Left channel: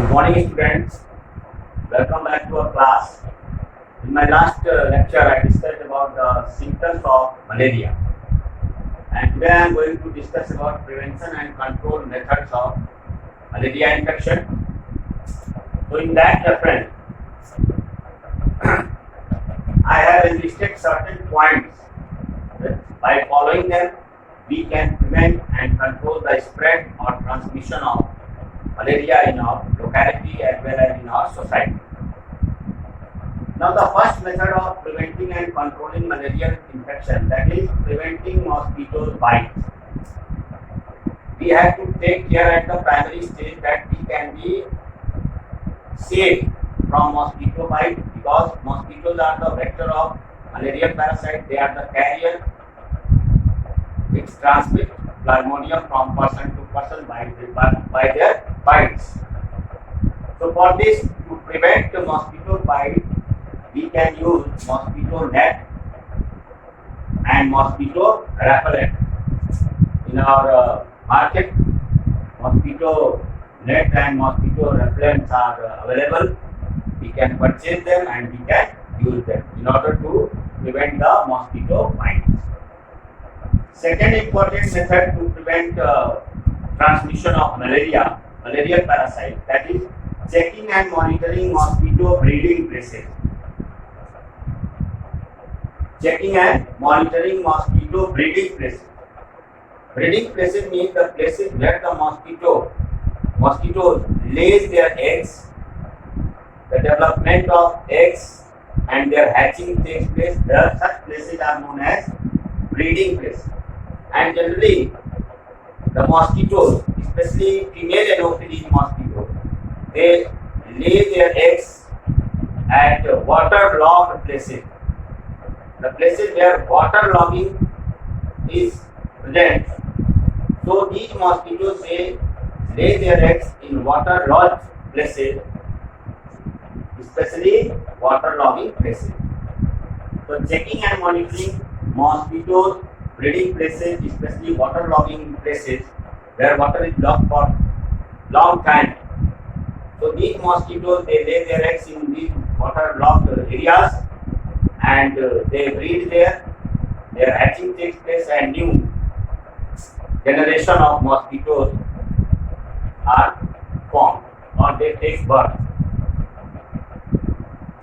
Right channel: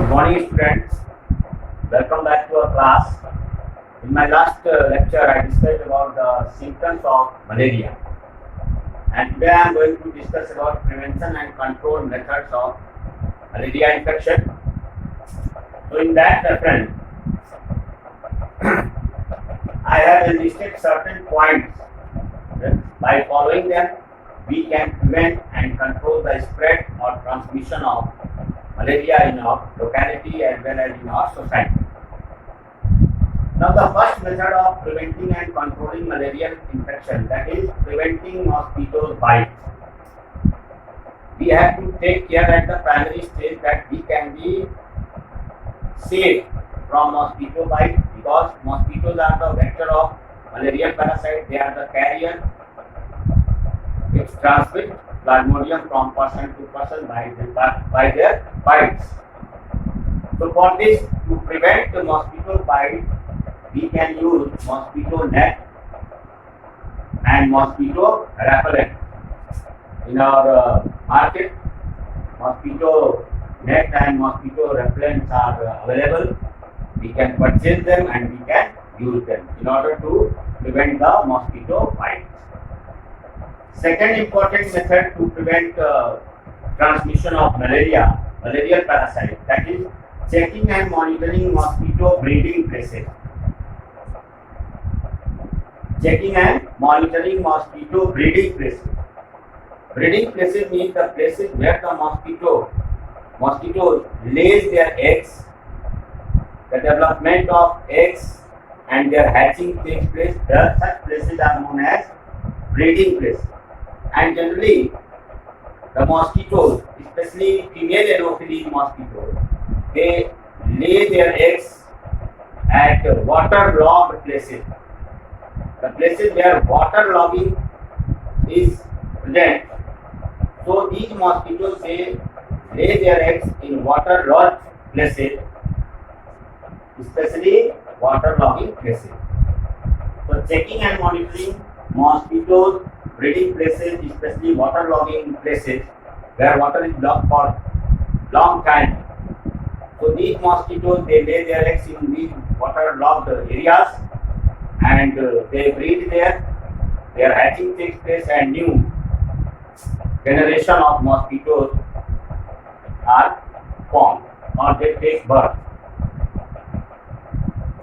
Good morning, students. Welcome back to our class. In my last lecture, I discussed about the symptoms of malaria, and today I am going to discuss about prevention and control methods of malaria infection. So, in that reference, I have listed certain points. By following them, we can prevent and control the spread or transmission of malaria in our locality as well as in our society. Now, the first method of preventing and controlling malarial infection, that is preventing mosquito bites. We have to take care at the primary stage that we can be safe from mosquito bite, because mosquitoes are the vector of malarial parasite. They are the carrier which transmit plasmodium from person to person by their bites. So for this, to prevent the mosquito bite, we can use mosquito net and mosquito repellent. In our market, mosquito net and mosquito repellents are available. We can purchase them and we can use them in order to prevent the mosquito bite. Second important method to prevent transmission of malarial parasite, that is checking and monitoring mosquito breeding places. Checking and monitoring mosquito breeding places. Breeding places means the places where the mosquitoes lays their eggs. The development of eggs and their hatching takes place. Such places are known as breeding places. And generally, the mosquitoes, especially female Anopheles mosquitoes, they lay their eggs at waterlogged places. The places where waterlogging is present. So these mosquitoes, they lay their eggs in waterlogged places, especially waterlogging places. So checking and monitoring mosquitoes breeding places, especially waterlogging places where water is locked for long time. So these mosquitoes, they lay their eggs in these waterlogged areas and they breed there. Their hatching takes place and new generation of mosquitoes are formed or they take birth.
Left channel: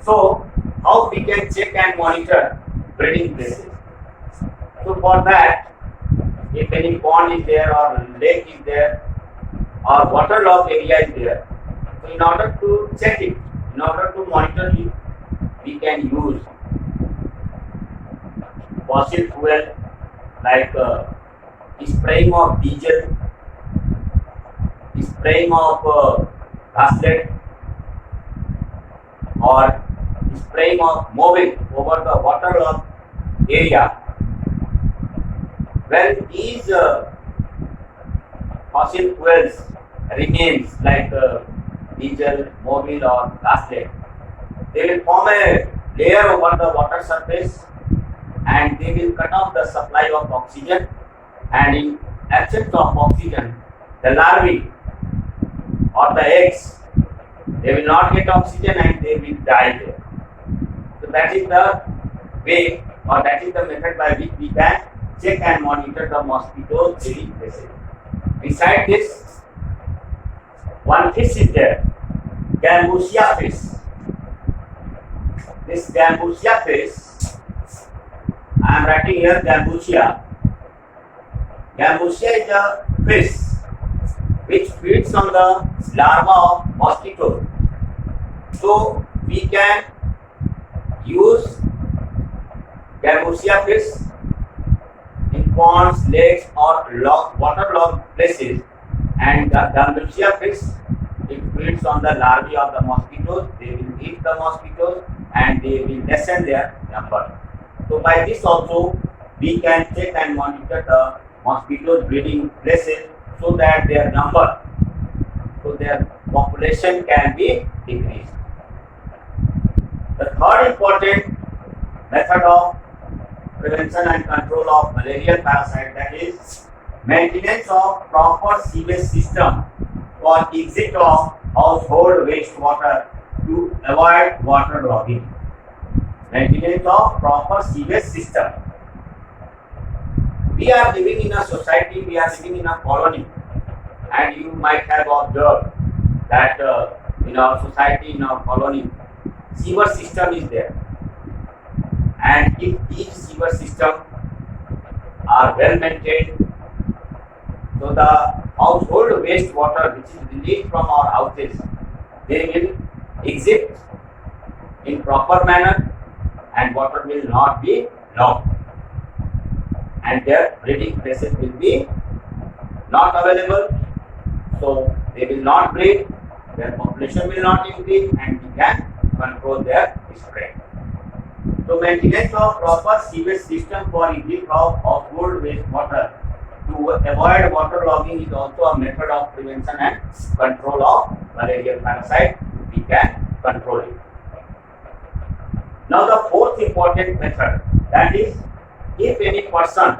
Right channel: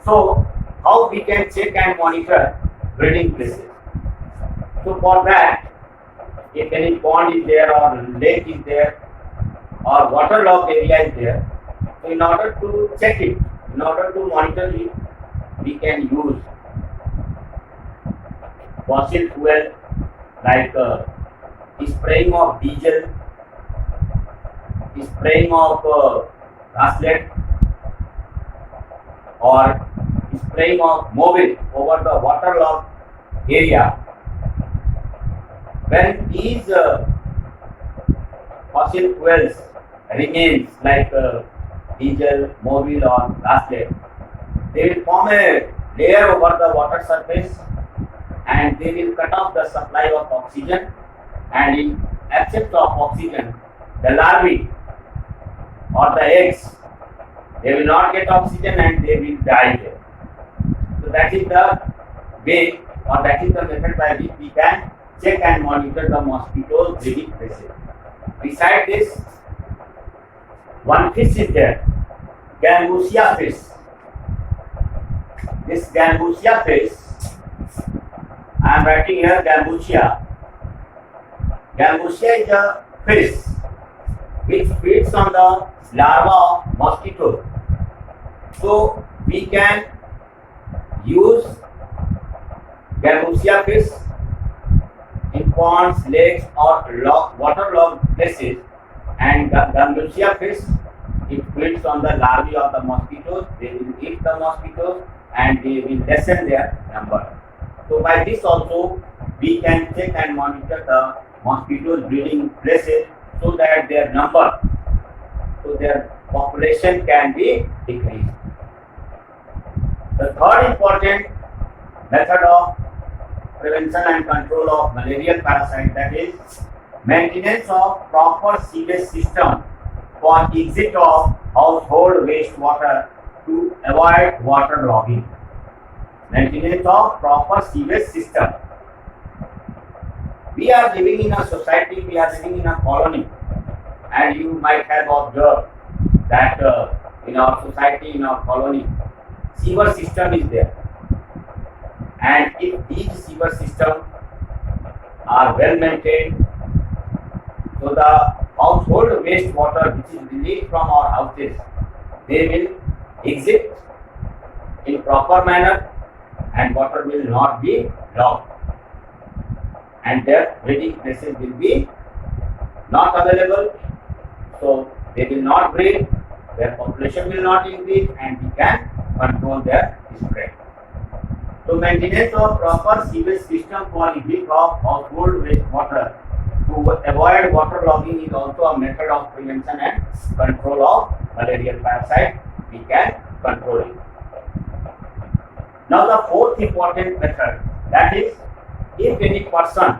So how we can check and monitor breeding places? So for that, if any pond is there or lake is there or waterlogged area is there, so in order to check it, in order to monitor it, we can use fossil fuel like spraying of diesel, spraying of gaslet, or spraying of Movil over the waterlogged area. When these fossil fuels remains like diesel, Movil or gaslet, they will form a layer over the water surface and they will cut off the supply of oxygen, and in absence of oxygen, the larvae or the eggs, they will not get oxygen and they will die there. So that is the way, or that is the method by which we can check and monitor the mosquito breeding places. Besides this, one fish is there, Gambusia fish. This Gambusia fish, I am writing here Gambusia. Gambusia is a fish which feeds on the larva of mosquitoes. So we can use Gambusia fish in ponds, lakes or waterlogged places, and the Gambusia fish, it feeds on the larvae of the mosquitoes. They will eat the mosquitoes and they will lessen their number. So by this also we can check and monitor the mosquitoes breeding places so that their number, so their population can be decreased. The third important method of prevention and control of malarial parasite, that is maintenance of proper sewage system for exit of household wastewater to avoid water logging. Maintenance of proper sewage system. We are living in a society, we are living in a colony, and you might have observed that in our society, in our colony, sewer system is there. And if these sewer systems are well maintained, so the household wastewater which is released from our houses, they will exit in proper manner and water will not be locked. And their breeding places will be not available, so they will not breed, their population will not increase, and we can control their spread. So maintenance of proper sewage system for exit of household wastewater to avoid water logging is also a method of prevention and control of malarial parasite. We can control it. Now the fourth important method, that is, if any person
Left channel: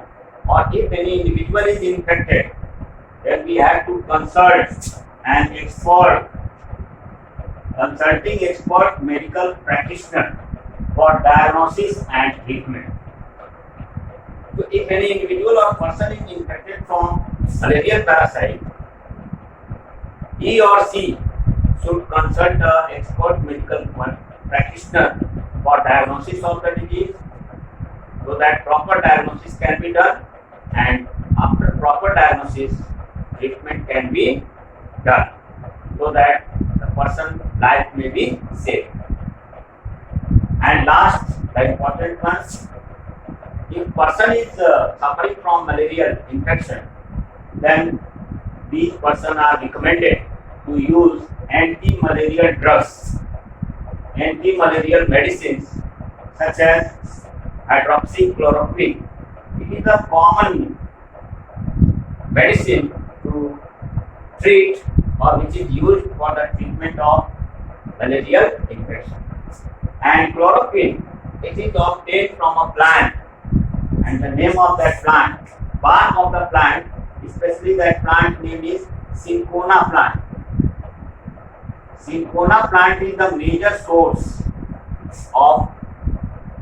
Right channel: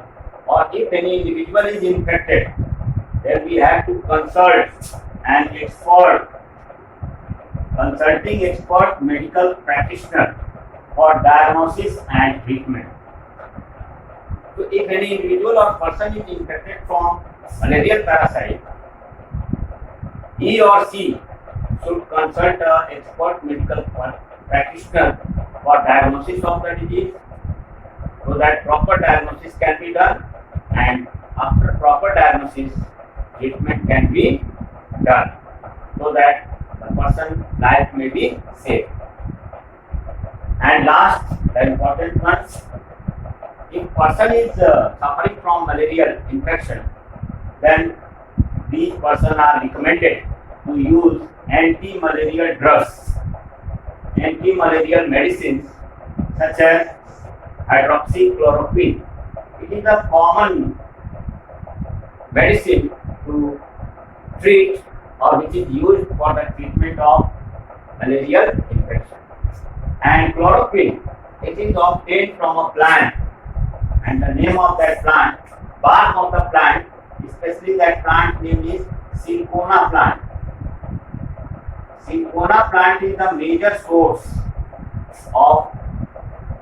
or if any individual is infected, then we have to consult an expert, consulting expert medical practitioner for diagnosis and treatment. So if any individual or person is infected from malarial parasite, he or she should consult an expert medical practitioner for diagnosis of the disease, so that proper diagnosis can be done, and after proper diagnosis, treatment can be done, so that the person's life may be saved. And last, the important one, if person is suffering from malarial infection, then these persons are recommended to use anti-malarial drugs, anti-malarial medicines such as hydroxychloroquine. It is a common medicine to treat or which is used for the treatment of malarial infection. And chloroquine, it is obtained from a plant, and the name of that plant, bark of the plant, especially that plant name is cinchona plant. Cinchona plant is the major source of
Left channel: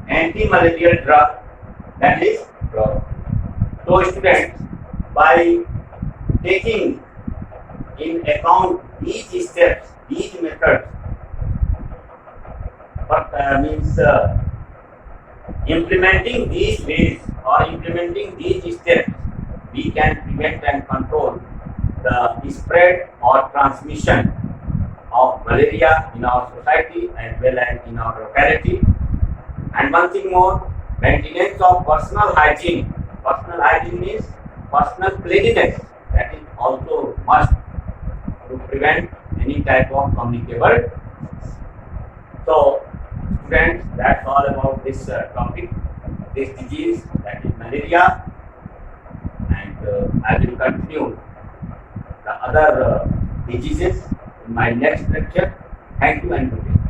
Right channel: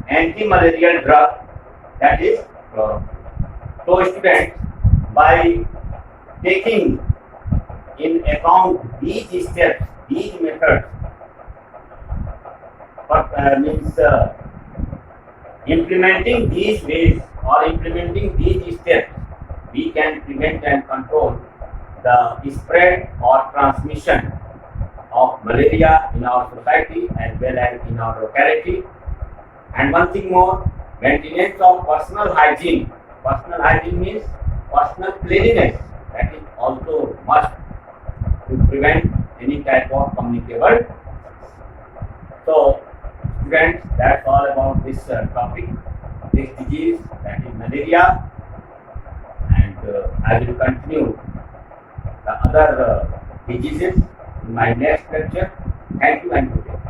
anti-malarial drug, that is chloroquine. So students, by taking in account these steps, these methods, means implementing these ways or implementing these steps, we can prevent and control the spread or transmission of malaria in our society as well as in our locality. And one thing more, maintenance of personal hygiene. Personal hygiene means personal cleanliness. That is also must to prevent any type of communicable. So students, that's all about this topic, this disease, that is malaria, and I will continue the other diseases in my next lecture. Thank you and good day.